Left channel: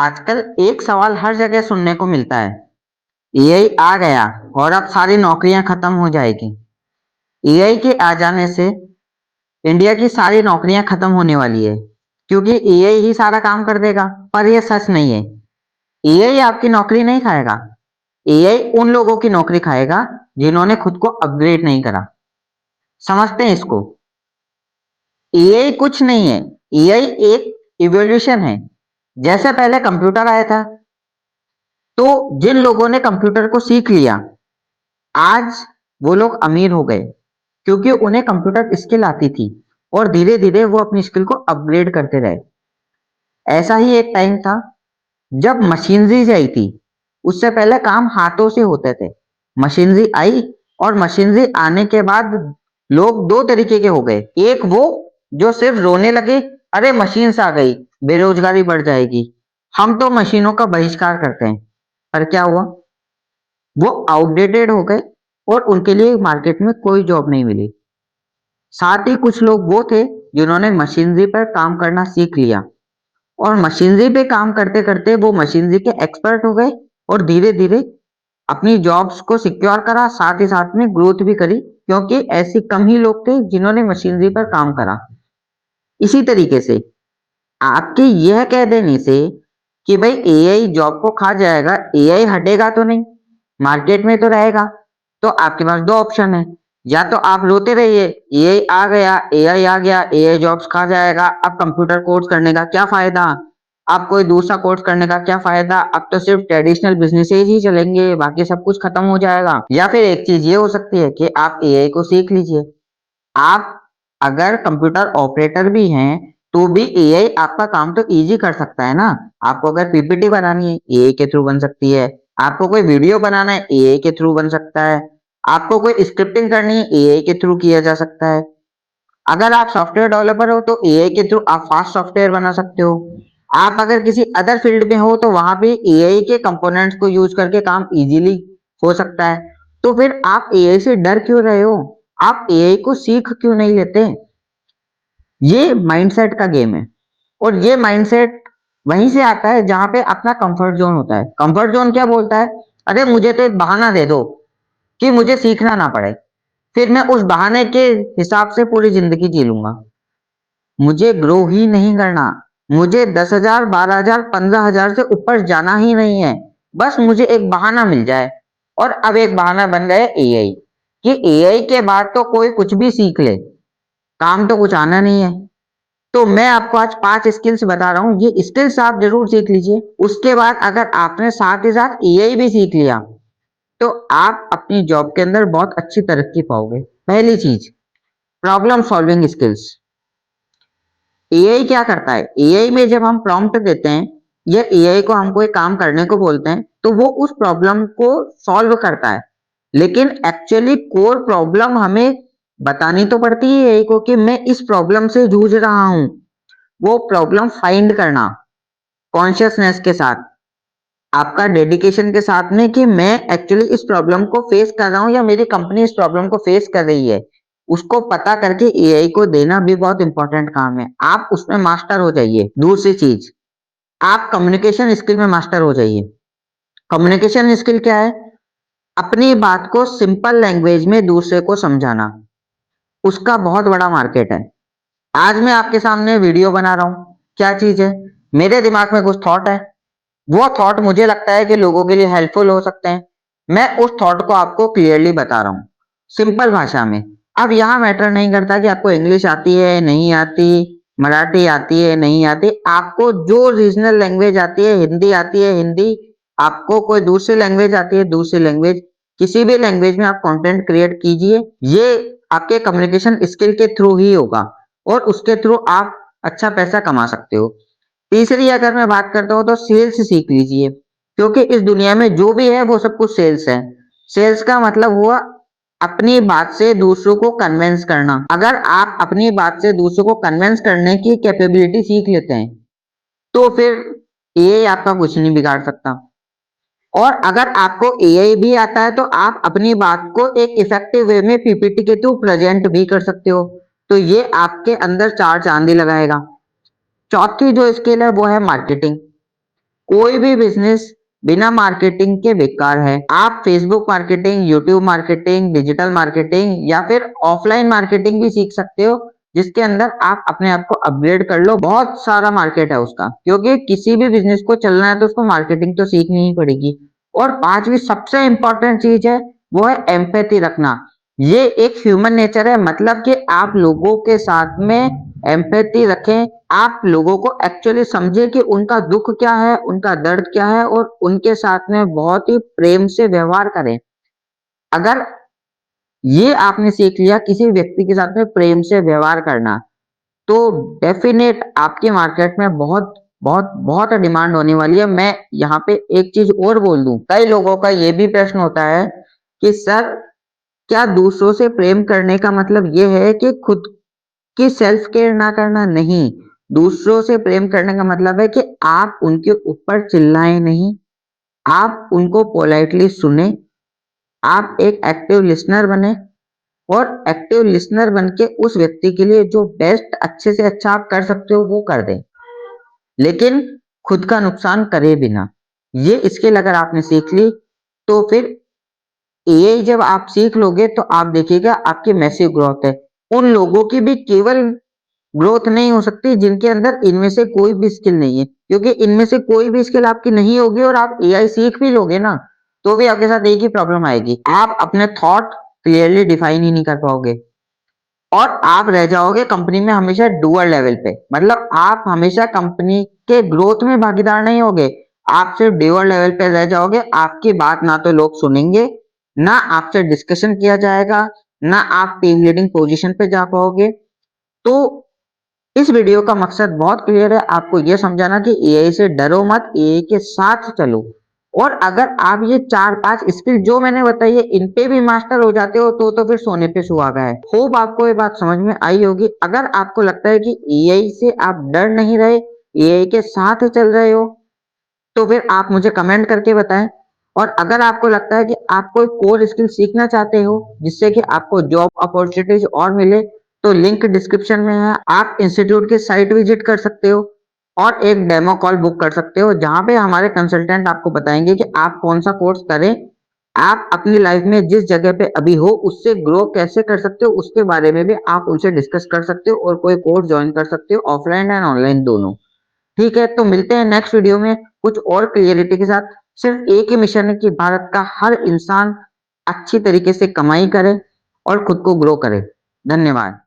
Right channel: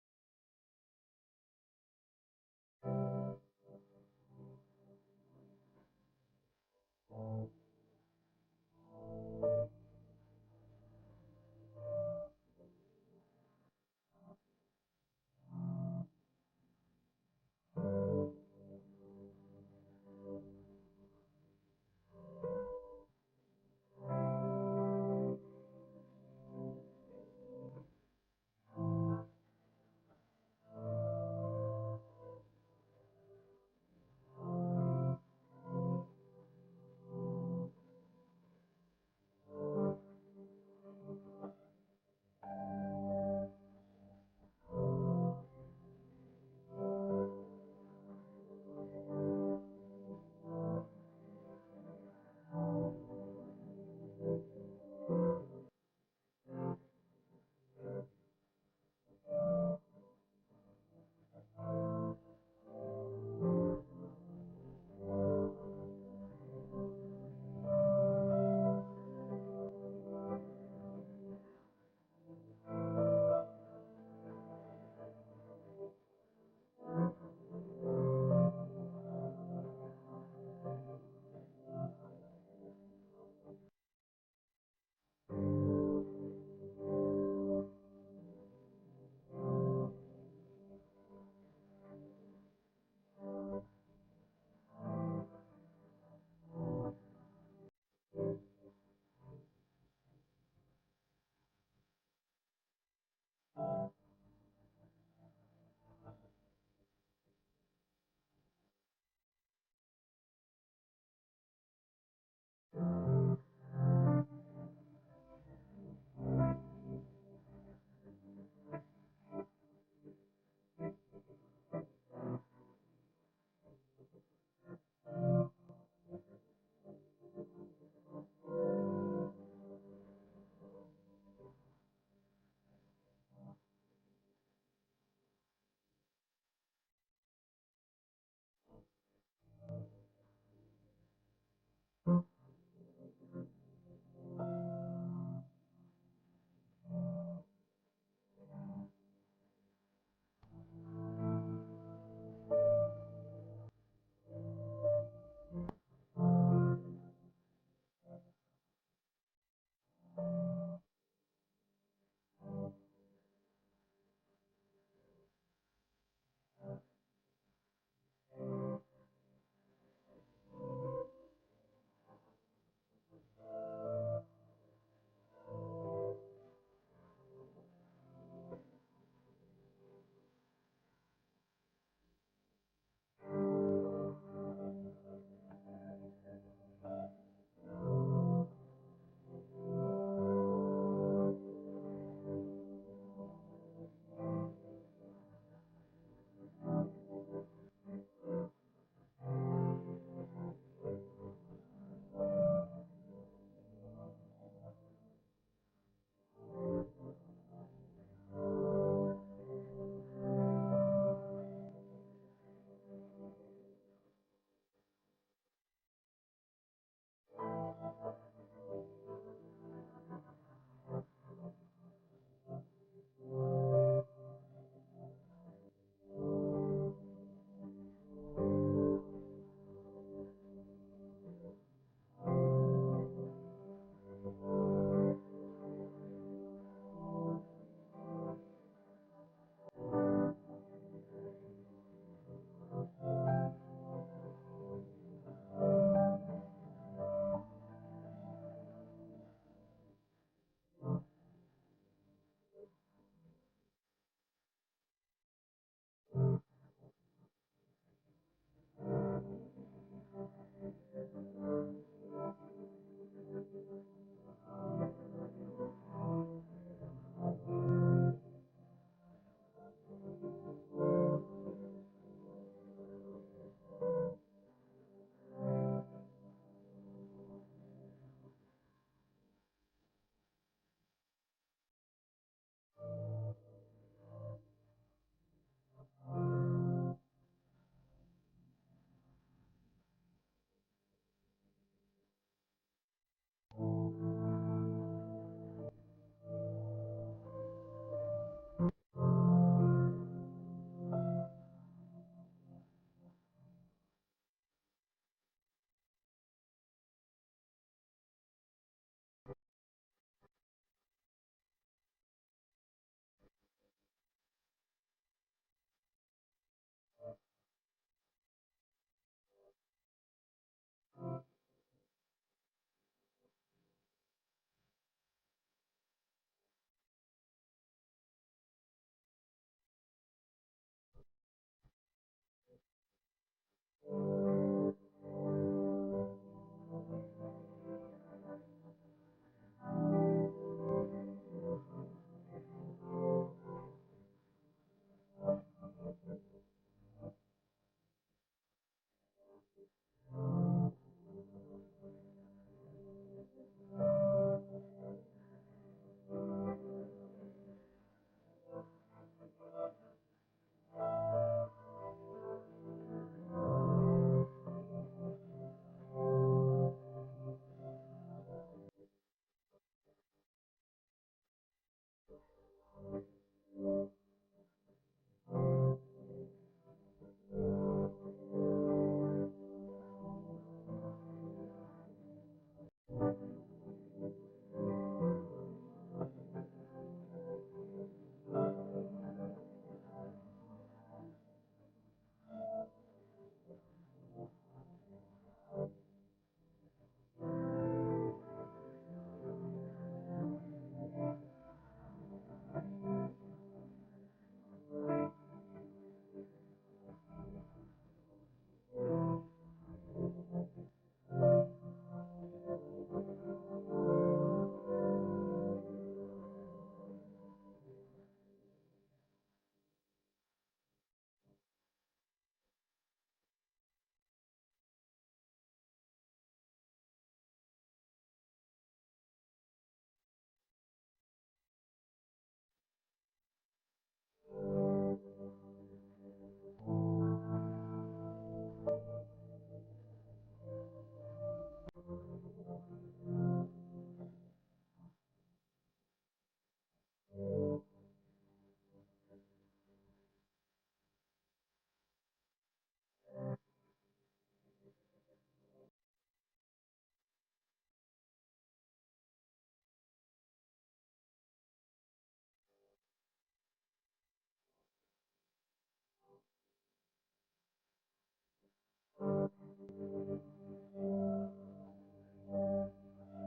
आजकल एक सवाल हर जगह सुनने को मिलता है। एआई आ गया और अब सारी नौकरियां खत्म हो जाएगी। एआई के आ जाने से इंडिया की सारी नौकरियां खत्म होने वाली है, क्योंकि एआई ही सारा काम कर देगा। पर यह सच नहीं है। एआई आपकी नौकरी नहीं खाएगा। एआई उन लोगों की नौकरी खाएगा जिन्होंने खुद को अपग्रेड नहीं करा। समझते हैं इसको? एआई कुछ नहीं है। एआई एक इवोल्यूशन है। जैसे पहले कंप्यूटर आया था, तो जिन लोगों ने कंप्यूटर को सीख लिया, आज वो लोग अमीर हो गए, क्योंकि उन्हें कंप्यूटर स्किल आती थी और धीरे धीरे वो अपनी स्किल को अपग्रेड करते रहे। ऐसा ही एक टाइम था जब मशीनरी आई थी। उससे पहले काम हाथों से होते थे। मशीनरी आई और मशीनरी आने के बाद लोग दो तरीके के हो गए। एक वो जो सिर्फ रोने लगे, अरे मशीन आ गई, बेरोजगारी बढ़ जाएगी, हम तो मशीनों का बहिष्कार करते हैं। पर क्या हुआ? वो आउटडेटेड हो गए और उनके लिए मार्केट में कोई जॉब नहीं मिली। साथ ही कुछ लोग वो थे जिन्होंने मशीनरी पर काम करना सीख लिया और मशीनरी पे काम करते करते वो मशीनरी के एक्सपर्ट हो गए और धीरे धीरे अपनी जॉब्स को सिक्योर करा, साथ ही साथ में ग्रोथ भी करी, क्योंकि ऐसे कम ही लोग थे जिन्होंने मशीनरी पर काम करा। इसी तरीके से आपके यह कह देने से कि भाई एआई जॉब को खा जाएगा, एआई हटेगा तो नहीं, मार्केट में तो रहेगा, तो आपके पास दो ऑप्शन है। या तो आप रोते रहिए, एआई आ गया, एआई आ गया, एआई जॉब्स खा जाएगा, अब कंप्यूटर कोर्स करने का क्या फायदा, अब कोई दूसरा कोर्स करने का क्या फायदा, अब तो सिर्फ ट्रेडिशनल बिजनेसेस ही चलेंगे, बाकी सब कुछ खत्म हो जाएगा। या फिर एक चीज ये हो सकती है कि आप एआई को सीख लीजिए। आप अगर कंप्यूटर ऑपरेटर भी हैं तो भी एआई आपका काम तो इजी कर सकता है ना। आपको अगर पीपीटी बनानी है, एआई के थ्रू बन सकती है। आपको कोई वीडियो बनाना है, एआई के थ्रू बन सकता है। आपको कोई स्क्रिप्टिंग करनी है, एआई के थ्रू किया जा सकता है। अगर आप सॉफ्टवेयर डेवलपर हो तो एआई के थ्रू आप फास्ट सॉफ्टवेयर बना सकते हो। आप अगर किसी अदर फील्ड में हो तो वहां पे एआई के कंपोनेंट्स को यूज करके काम इजीली हो सकता है। तो फिर आप एआई से डर क्यों रहे हो? आप एआई को सीख क्यों नहीं लेते? ये माइंडसेट का गेम है। और ये माइंडसेट वहीं से आता है जहां पे अपना कंफर्ट जोन होता है। कंफर्ट जोन क्या बोलता है? अरे मुझे तो एक बहाना दे दो कि मुझे सीखना ना पड़े, फिर मैं उस बहाने के हिसाब से पूरी जिंदगी जी लूंगा। मुझे ग्रो ही नहीं करना। मुझे 10,000, 12,000, 15,000 से ऊपर जाना ही नहीं है। बस मुझे एक बहाना मिल जाए। और अब एक बहाना बन गया एआई, कि एआई के बाद तो कोई कुछ भी सीख ले, काम तो कुछ आना नहीं है। तो मैं आपको आज 5 स्किल्स बता रहा हूँ, ये स्किल्स आप जरूर सीख लीजिए। उसके बाद अगर आपने साथ ही साथ एआई भी सीख लिया तो आप अपनी जॉब के अंदर बहुत अच्छी तरक्की पाओगे। पहली चीज, प्रॉब्लम सॉल्विंग स्किल्स। एआई क्या करता है? एआई में जब हम प्रॉम्प्ट देते हैं या एआई को हम कोई काम करने को बोलते हैं तो वो उस प्रॉब्लम को सॉल्व करता है, लेकिन एक्चुअली कोर प्रॉब्लम हमें बतानी तो पड़ती है एआई को कि मैं इस प्रॉब्लम से जूझ रहा हूं। वो प्रॉब्लम फाइंड करना कॉन्शियसनेस के साथ, आपका डेडिकेशन के साथ में, कि मैं एक्चुअली इस प्रॉब्लम को फेस कर रहा हूँ या मेरी कंपनी इस प्रॉब्लम को फेस कर रही है, उसको पता करके एआई को देना भी बहुत इंपॉर्टेंट काम है। आप उसमें मास्टर हो जाइए। दूसरी चीज, आप कम्युनिकेशन स्किल में मास्टर हो जाइए। कम्युनिकेशन स्किल क्या है? अपनी बात को सिंपल लैंग्वेज में दूसरे को समझाना, उसका बहुत बड़ा मार्केट है। आज मैं आपके सामने वीडियो बना रहा हूँ, क्या चीज है? मेरे दिमाग में कुछ थॉट है, वो थॉट मुझे लगता है कि लोगों के लिए हेल्पफुल हो सकते हैं। मैं उस थॉट को आपको क्लियरली बता रहा हूँ सिंपल भाषा में। अब यहाँ मैटर नहीं करता कि आपको इंग्लिश आती है नहीं आती, मराठी आती है नहीं आती, आपको जो रीजनल लैंग्वेज आती है, हिंदी आती है हिंदी, आपको कोई दूसरी लैंग्वेज आती है दूसरी लैंग्वेज, किसी भी लैंग्वेज में आप कंटेंट क्रिएट कीजिए। ये आपके कम्युनिकेशन स्किल के थ्रू ही होगा और उसके थ्रू आप अच्छा पैसा कमा सकते हो। तीसरी अगर मैं बात करता हूँ तो सेल्स सीख लीजिए, क्योंकि इस दुनिया में जो भी है वो सब कुछ सेल्स है। सेल्स का मतलब हुआ अपनी बात से दूसरों को कन्विंस करना। अगर आप अपनी बात से दूसरों को कन्विंस करने की कैपेबिलिटी सीख लेते हैं तो फिर एआई आपका कुछ नहीं बिगाड़ सकता। और अगर आपको एआई भी आता है तो आप अपनी बात को एक इफेक्टिव वे में पीपीटी के थ्रू प्रेजेंट भी कर सकते हो। तो ये आपके अंदर चार चांदी लगाएगा। चौथी जो स्किल है वो है मार्केटिंग। कोई भी बिजनेस बिना मार्केटिंग के बेकार है। आप Facebook marketing, YouTube marketing, digital marketing या फिर ऑफलाइन मार्केटिंग भी सीख सकते हो, जिसके अंदर आप अपने आप को अपग्रेड कर लो। बहुत सारा मार्केट है उसका, क्योंकि किसी भी बिजनेस को चलना है तो उसको मार्केटिंग तो सीखनी ही पड़ेगी। और पांचवी सबसे इंपॉर्टेंट चीज है, वो है एम्पैथी रखना। ये एक ह्यूमन नेचर है, मतलब कि आप लोगों के साथ में एम्पैथी रखें, आप लोगों को एक्चुअली समझे कि उनका दुख क्या है, उनका दर्द क्या है, और उनके साथ में बहुत ही प्रेम से व्यवहार करें। अगर ये आपने सीख लिया किसी व्यक्ति के साथ में प्रेम से व्यवहार करना, तो डेफिनेट आपकी मार्केट में बहुत बहुत बहुत डिमांड होने वाली है। मैं यहाँ पे एक चीज और बोल दूं, कई लोगों का ये भी प्रश्न होता है कि सर, क्या दूसरों से प्रेम करने का मतलब ये है कि खुद की सेल्फ केयर ना करना? नहीं, दूसरों से प्रेम करने का मतलब है कि आप उनके ऊपर चिल्लाएं नहीं, आप उनको पोलाइटली सुने, आप एक एक्टिव लिसनर बने, और एक्टिव लिसनर बन के उस व्यक्ति के लिए जो बेस्ट अच्छे से अच्छा आप कर सकते हो वो कर दें, लेकिन खुद का नुकसान करे बिना। ये स्किल अगर आपने सीख ली, तो फिर एआई जब आप सीख लोगे तो आप देखिएगा आपकी मैसिव ग्रोथ है। उन लोगों की भी केवल ग्रोथ नहीं हो सकती जिनके अंदर इनमें से कोई भी स्किल नहीं है, क्योंकि इनमें से कोई भी स्किल आपकी नहीं होगी और आप एआई सीख भी लोगे ना, तो भी आपके साथ एक ही प्रॉब्लम आएगी, आप अपने थॉट क्लियरली डिफाइन ही नहीं कर पाओगे, और आप रह जाओगे कंपनी में हमेशा डूअर लेवल पे। मतलब आप हमेशा कंपनी के ग्रोथ में भागीदार नहीं होगे, आप सिर्फ डूअर लेवल पे रह जाओगे। आपकी बात ना तो लोग सुनेंगे, ना आपसे डिस्कशन किया जाएगा, ना आप टीम लीडिंग पोजीशन पे जा पाओगे। तो इस वीडियो का मकसद बहुत क्लियर है, आपको यह समझाना कि एआई से डरो मत, एआई के साथ चलो। और अगर आप ये 4-5 स्किल जो मैंने बताई है इन पे भी मास्टर हो जाते हो तो फिर सोने पे सुहागा है। होप आपको ये बात समझ में आई होगी। अगर आपको लगता है कि एआई से आप डर नहीं रहे, एआई के साथ चल रहे हो, तो फिर आप मुझे कमेंट करके बताएं। और अगर आपको लगता है कि आप कोई कोर स्किल सीखना चाहते हो जिससे कि आपको जॉब अपॉर्चुनिटीज और मिले, तो लिंक डिस्क्रिप्शन में है, आप इंस्टीट्यूट की साइट विजिट कर सकते हो और एक डेमो कॉल बुक कर सकते हो, जहां पे हमारे कंसल्टेंट आपको बताएंगे कि आप कौन सा कोर्स करें, आप अपनी लाइफ में जिस जगह पे अभी हो उससे ग्रो कैसे कर सकते हो, उसके बारे में भी आप उनसे डिस्कस कर सकते हो और कोई कोर्स ज्वाइन कर सकते हो, ऑफलाइन एंड ऑनलाइन दोनों। ठीक है, तो मिलते हैं नेक्स्ट वीडियो में कुछ और क्लियरिटी के साथ। सिर्फ एक ही मिशन है कि भारत का हर इंसान अच्छी तरीके से कमाई करे और खुद को ग्रो करे। धन्यवाद।